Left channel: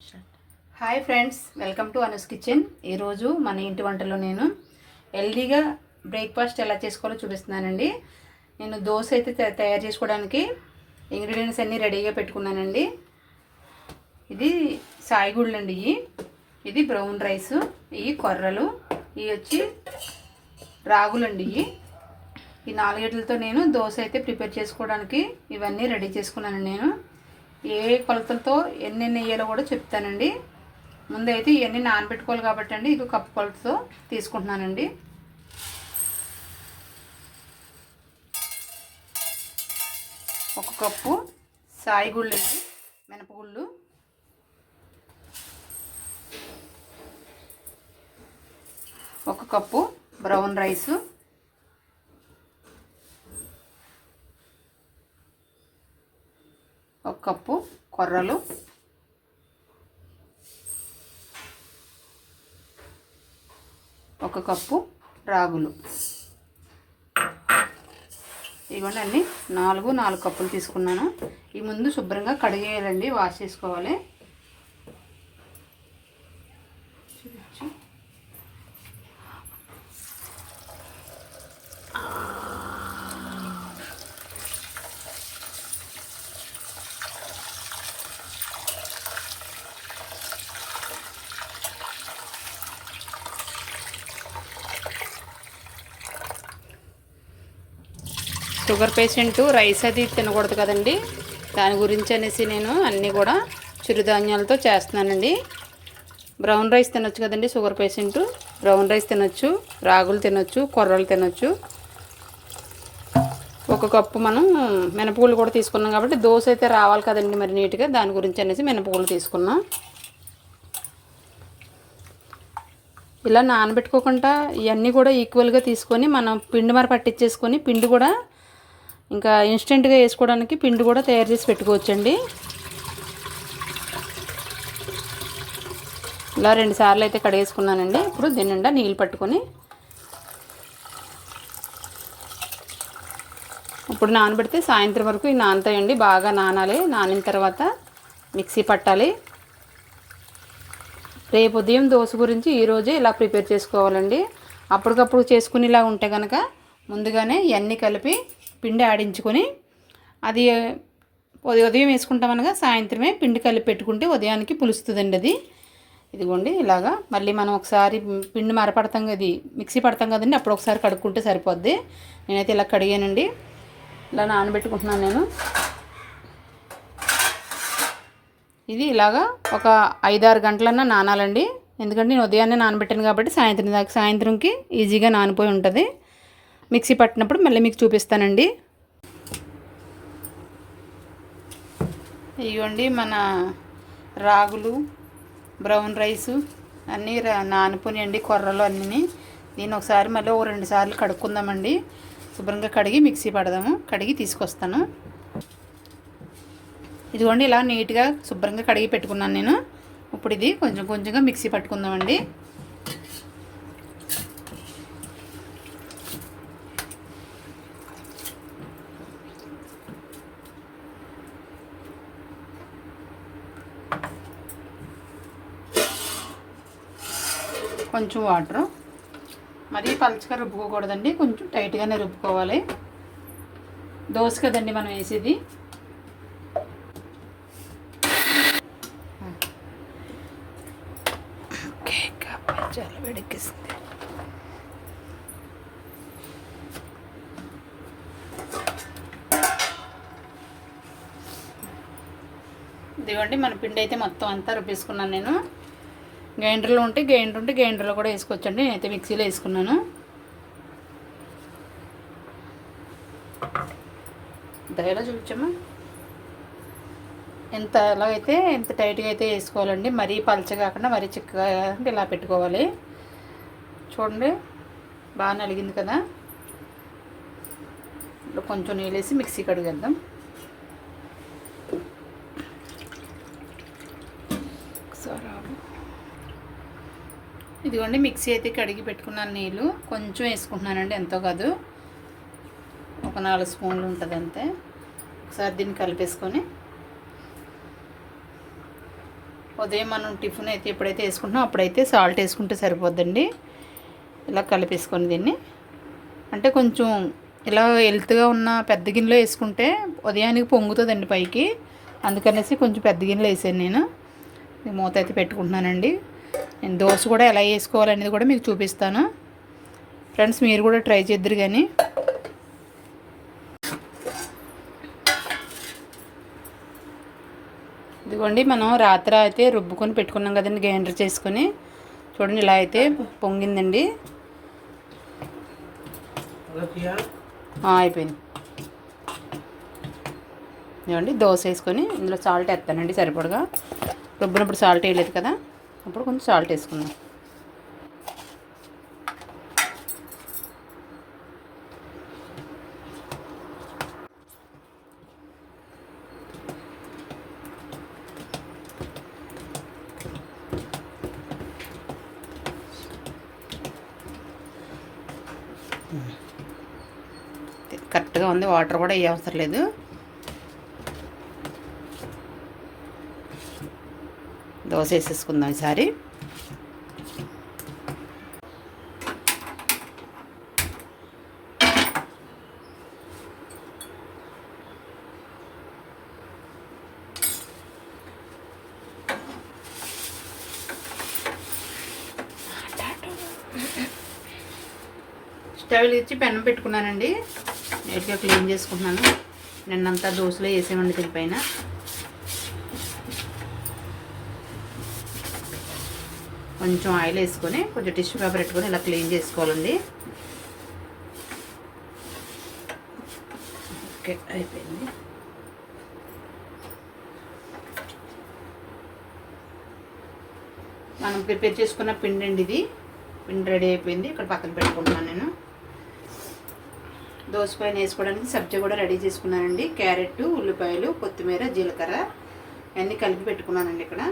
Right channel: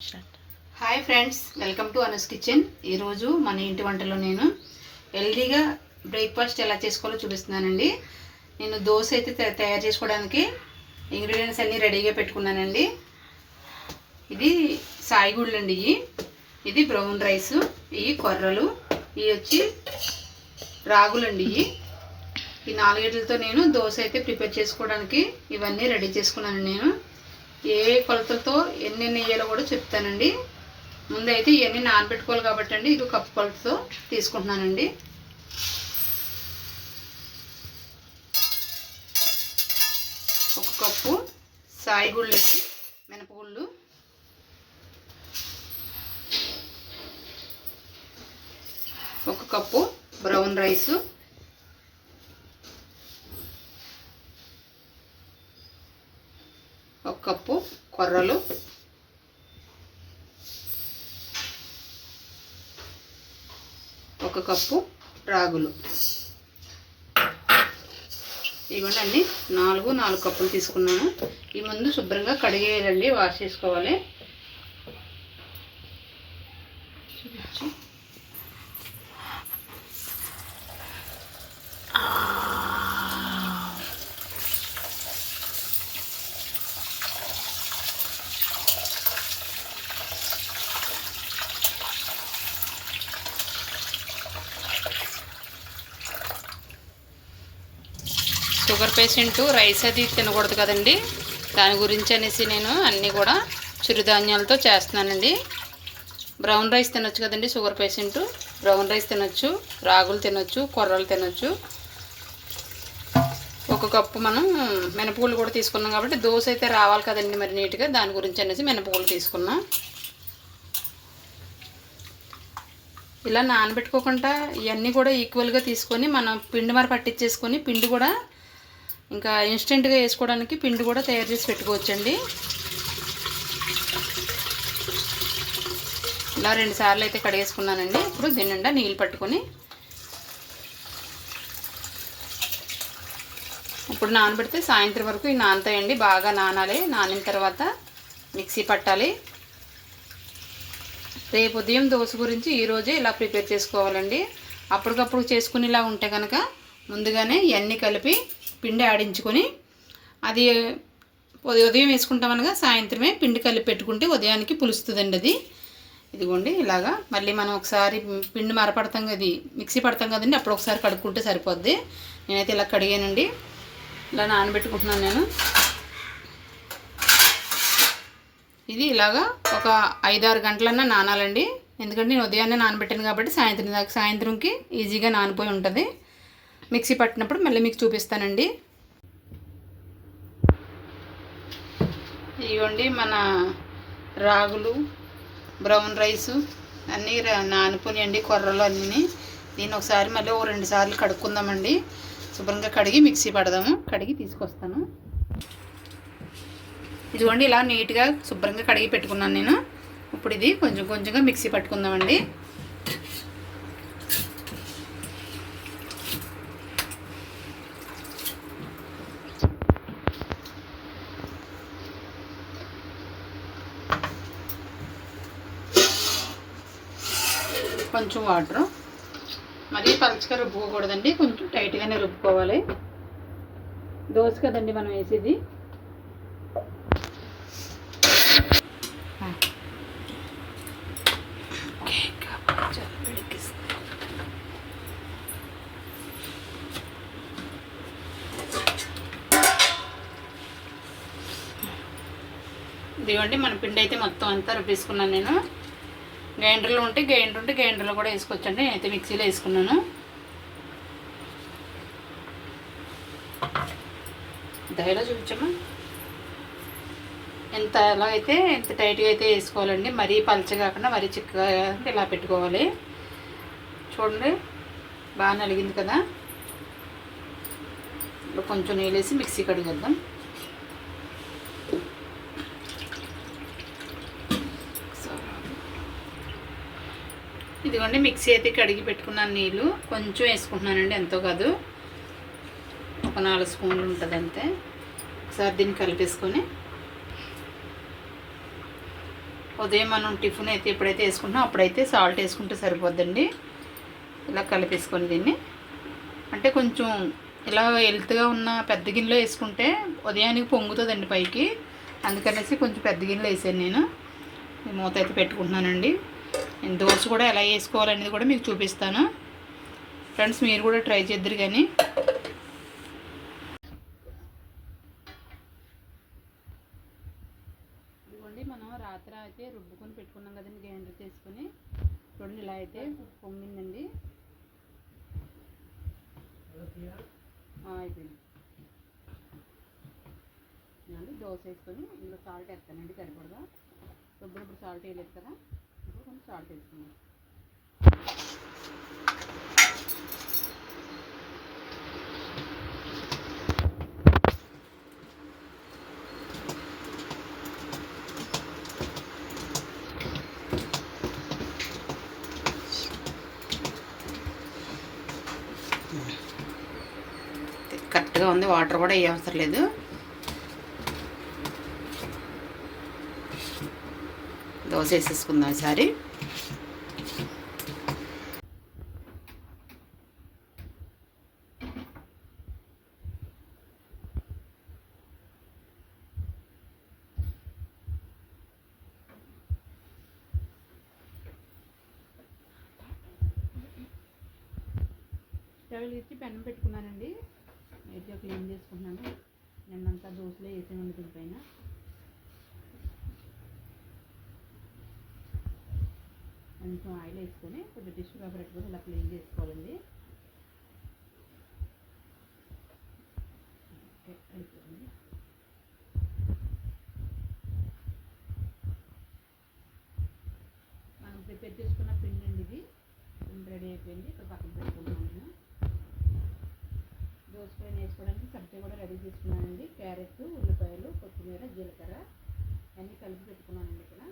Hi friends, welcome to అనుస్ kitchen. ఈరోజు మన ఇంటి వంటలో నేను హెల్దీగా బ్రేక్ఫాస్ట్ ఎలా చేసుకోవాలో చూపిస్తున్నానండి. నేను దోశ అయితే తయారు చేసుకోవడానికి ఇంగ్రీడియంట్స్ అన్నీ రెడీగా పెట్టుకున్నానండి. ఇది సాయిగుళ్ళు అండి, ఇది బ్రౌన్ రైస్, ఇవి కొర్రలు, ఇవి వచ్చి రాగులండి. ఈ నాలుగిటితో నేను దోశ అయితే ప్రిపేర్ చేసుకోవడానికి ఇవన్నీ రెడీ చేసుకున్నాను. నేను ఏ కొలతలతో ఎన్ని నెయ్యాలో కూడా చెప్తానండి. ముందైతే ఇవన్నీ నానబెట్టుకోవాలి కాబట్టి అండి, ఇది కప్పు కొలతతో తీసుకుంటున్నానండి. ఒక కప్పు సాయిగుళ్ళు అండి, మినపగుళ్ళు, ఒక కప్పు బ్రౌన్ రైసు, ఒక కప్పు కొర్రలు, ఒక కప్పు రాగులు. ఇవన్నీ అన్నీ నాలుగు కప్పులు తీసుకున్నాను. ఈ ముందు శుభ్రంగా కడిగేయాలండి, వాష్ చేసుకోవాలి. షుగర్ పేషెంట్ రైస్ అది తినకూడదు కదండి, దాని గురించి అనేసి నేను అన్నీ కూడా చిరుధాన్యాలతో చేస్తున్నానండి. బ్రౌన్ రైస్ తినొచ్చు కదండి, షుగర్ పేషెంట్ బ్రౌన్ రైస్ తినొచ్చు, రాగులు తినొచ్చు, కొర్రలు తినొచ్చు. ఒక కప్పు మనం మినపగుళ్ళు కూడా తీసుకున్నాం కాబట్టి దోశ అయితే రావాలి కదండి మరి నీట్గా, దాని గురించి అనేసి మినపగుళ్ళు తీసుకున్నాం. ఇలా నానబెట్టుకోకుండా ఇవన్నీ కూడా ఈక్వల్గా తీసుకొని మనం పిండి మరి పట్టించేసుకొని పిండి కూడా ఇంకా ఇన్స్టెంట్గా వేసుకోవడానికి పిండి కూడా తయారు చేసి పెట్టుకోవచ్చండి. ఇలా 2 సార్లు అయితే కడిగేసుకున్నానండి. ఇప్పుడు దీని నిండా నీళ్ళు పట్టుకొని ఇప్పుడు నానబెడితే సాయంత్రం వరకు ఇవి నానతాయండి. బాగా నానాలి, నానిన తర్వాత మిక్సీ పట్టాలి. రేపు ఉదయం దోశ గురించి ఈరోజే ఇలా ప్రిపేర్ చేసుకోవాలండి. అప్పటికప్పుడు చేసుకునేలా ఉంటే కనుక ముందుగానే ఇవన్నీ కలిపి పిండి ఆడించుకొని అది ఉదయం వేసుకుంటామనగా సాయంత్రమే పిండి కలిపి పెట్టుకుంటే ఉదయానికి పులుస్తుందండి అది. ఇదిగోండి ఇలాగా మళ్ళీ మనం ఒకసారి పిండి మరపడతాం కదా, మిక్సీ పడతాం కదండి, అప్పుడు ఒకసారి కడుక్కుంటే సరిపోద్ది. నేనైతే ఇలా కడిగానండి, ఇలా నానబెట్టుకుంటున్నాను నేను. ఇది ఇలాగా ఒక 5-6 గంటలన్నా నానాలండి, ఎందుకంటే నేను ఉదయాన్నే నానబెట్టాను కాబట్టి సాయంత్రంకి ఈజీగా నానిపోయి ఉంటుంది. మిక్సీ పట్టినప్పుడు మళ్ళీ మీకు చూపిస్తానండి. ఇవ్వండి మన రాగులు, బ్రౌన్ రైసు అన్నీ నానిపోయినాయండి, కొర్రలు అన్నీ. దీన్ని ఒకసారి మళ్ళీ 2 సార్లు కడుక్కుందామండి. శుభ్రంగా కడిగి మిక్సీ పడదాము, కడిగి తీసుకొస్తాను. ఇదిగోండి ఇలా నీట్గా శుభ్రంగా కడిగి పెట్టుకున్నాను నేను. ఇప్పుడు ఇది కొంచెంగా మిక్సీ పట్టుకుందామండి. కొంచెం వాటరు, మరీ పలుచగా రుబ్బుకోకూడదండి, కొంచెం టైట్గానే రుబ్బుకోవాలి. దోశ కదండి మనం వేసేది. చాలా వేడెక్కిస్తుంది. ఇదిగోండి మన పిండి అయితే మొత్తం అంతా రుబ్బేసుకున్నాను నేను. గ్రైండర్లో ఉంటే గ్రైండర్లో కూడా వేసుకోవచ్చండి, నేనైతే మిక్సీలో వేసుకున్నాను. దయలో చూపించమ్మా, ఎంత ఎలాగైతే ఎంత టైట్గా అయితే వేసుకోవాలండి, మరీ పలచగా కాకుండా మరీ చిక్కగా అంటే ఇలా పెట్టుకోవాలి. చూడండి బాగా నలిగింది కదా. ఇప్పుడు కొంచెం నీళ్ళు వేసి మిక్సీ కడిగేద్దాం. ఇదిగోండి మిక్సీ అయితే కడిగి పెట్టుకున్నాను, నీళ్ళు కొంచెం వేసుకుంటున్నానండి, ఎంతో కాదు, ఒక 4 స్పూన్లు ఉంటుంది అంతే. ఒకసారి దీన్ని కలిపేసుకొని ఉదయం మనం టిఫిన్ అయితే ఎప్పుడైతే వేసుకుంటామో అప్పుడైతే సాల్ట్ వేసుకుంటే సరిపోద్దండి. ఇలా కలిపేసుకొని దీన్ని అంటే కొంచెం ఇలా హెల్త్గా ఉన్న పెద్ద గిన్నెలో వేసుకుంటే ఉదయానికి పొంగుతుందండి పైకి. అందుకనేసి కొంచెం పెద్ద గిన్నెలో వేసాను నేను. మూత అయితే పెట్టుకుంటున్నానండి. నేను దోశ కూడా ఎలా వేసుకోవాలనేది కూడా మీకు చూపిస్తాను ఫ్రెండ్స్. మీరు కూడా ట్రై చేద్దరు కానీ. ఇదిగోండి మనం రాత్రి అయితే రుబ్బుకొని పెట్టుకున్నాం కదండి, గ్రైండర్ చేసుకొని. చూడండి ఇలా అయితే పొంగిందండి. అయిపోయింది. ఇదిగోండి దోశ వేసుకొని ఇందులో సాల్ట్ వేస్తానండి సరిపడగా. రుబ్బినప్పుడు సాల్ట్ వేయలేదు కదా, అప్పుడు కొంచెం సాల్ట్ వేసుకుందాం. కరెక్ట్గా ఉంది, వాటర్ కూడా ఏ అవసరం లేదు. దోశ వేసేసుకుందాం ఈసారి. స్టవ్ వెలిగించి పెనం పెట్టుకున్నానండి. నీట్గా క్లీన్ చేసుకుంటున్నాను. నిన్నంతా దోశలో వేసేవండి దీనిపైన. కొంచెం ఆయిల్ వేసుకొని కొంచెం టిష్యూ పేపర్ పెట్టుకొని ఇలా క్లీన్ చేసుకోవాలండి. ఓకే అయిపోయింది. మనం ప్రిపేర్ చేసుకున్న పిండి అండి ఇది. పిండి రెడీ అయిపోయింది. ఇక్కడ పక్కన పెట్టుకుంటున్నాను నేను. దోశ పైన వేసుకోవడానికి సబ్జీ కూడా రెడీ చేసుకున్నానండి. క్యారెట్, ఉల్లిపాయలు, కొత్తిమీర, జీలకర్ర అన్నీ కలిపి పెట్టుకున్నానండి ఇక్కడ.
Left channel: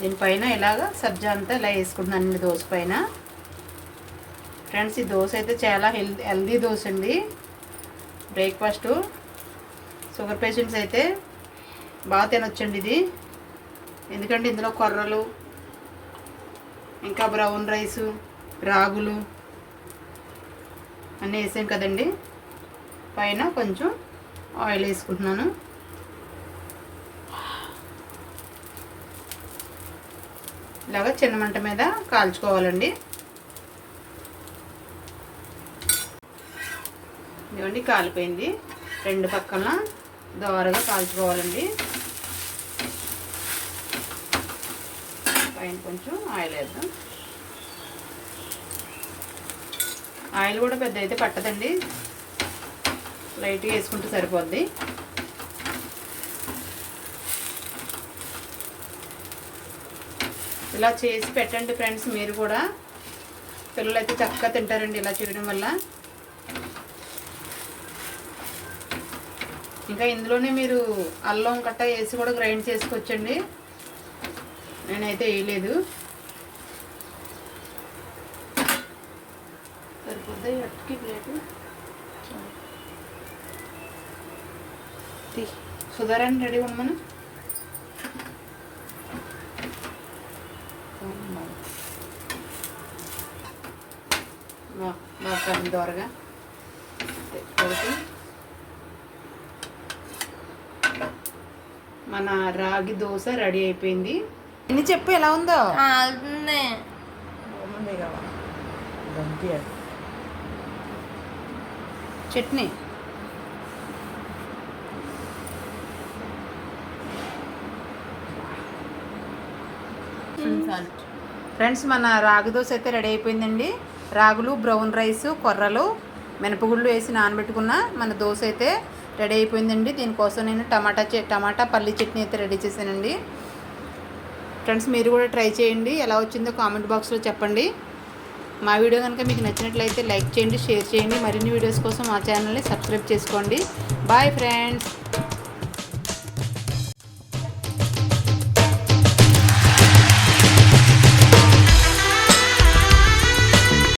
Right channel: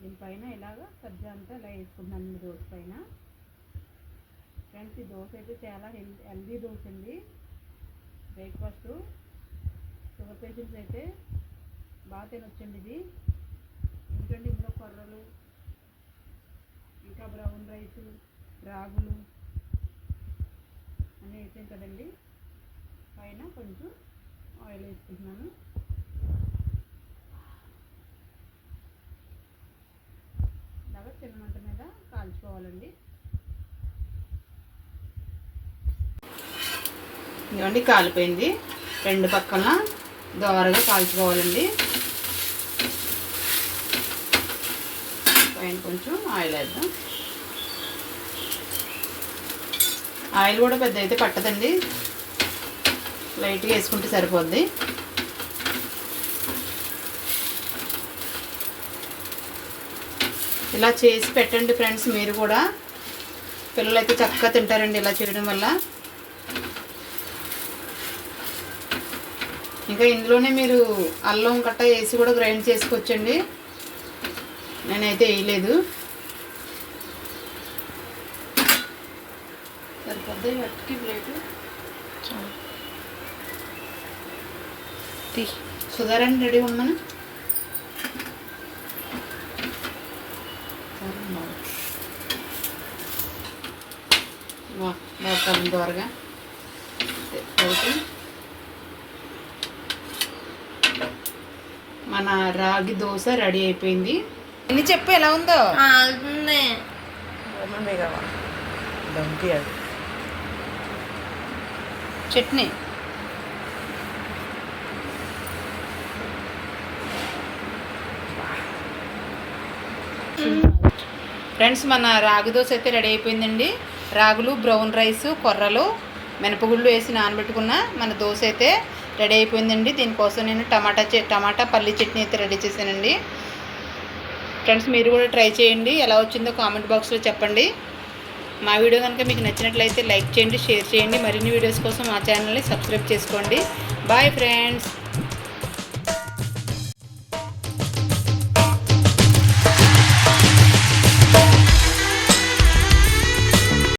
దీనిపైన ఇలాగ సబ్జా అంతా ఇలా వేసుకుంటున్నాను దోశ పైన. ఫ్రెండ్స్ ఈ దోశ అయితే చాలా హెల్దీ దోశ అండి. బ్రేక్ఫాస్ట్ షుగర్ పేషెంట్స్ అయితే బాగా తినొచ్చండి ఇది. ఎందుకంటే ఇందులో కొర్రలు, ఇంకా బ్రౌన్ రైసు, రాగులు అన్నీ వేసాం కదండి. పైన కొంచెం ఆయిల్ వేసుకుంటున్నాను. ఇలాగ చిన్న మంట మీద కాల్చుకోవాలండి. ఇదిగోండి కాలిపోయింది. రెండు పక్కన దోరగా కాల్చుకోవాలండి. పైన కొంచెం ఆయిల్ వేద్దాం. ఆయిల్ కూడా పెద్ద అయితే పట్టదండి, లైట్గా వేసుకుంటే సరిపోద్ది. ఇలా చేసి పెట్టండి ఫ్రెండ్స్. మీరు కూడా పిల్లలు అయితే చక్కగా తింటారండి ఇలా చేయడం వల్ల. ఇంకా ఇందులోనే మీరు అల్లం గట్ట వేసి కూడా గ్రైండ్ చేసుకోవచ్చండి. నేనైతే వేయలేదు. సరిపోద్ది గట్టికి ప్లేటు. సుధారాన్ని రెడీ ఉన్నాను. బాగా దోరగా మన రాగి దోశ రెడీ అయిపోయింది. ఎన్ని చెప్పు ఎలా ఉందో. చట్నీ ఫ్రెండ్స్ మన రాగి దోశ అయితే రెడీ అయిపోయిందండి. రాగులు, బ్రౌన్ రైస్, కొర్రలు, మినపగుళ్ళు వేసి నానబెట్టుకున్న మన దోశ అయితే రెడీ అయిపోయిందండి. దీనికోసం నేను టమాటా పల్లి చట్నీ అయితే రెడీ చేశానండి. ఫ్రెండ్స్ మీరు కూడా ట్రై చేయండి, ఎలా వచ్చిందో కామెంట్ బాక్స్లో చెప్పండి. మా వీడియో కనుక మీకు నచ్చినట్లయితే లైక్ చేయండి, షేర్ చేయండి. మరిన్ని వీడియోస్ కోసం మా ఛానల్ని సబ్స్క్రైబ్ చేసుకోండి. Bye friends.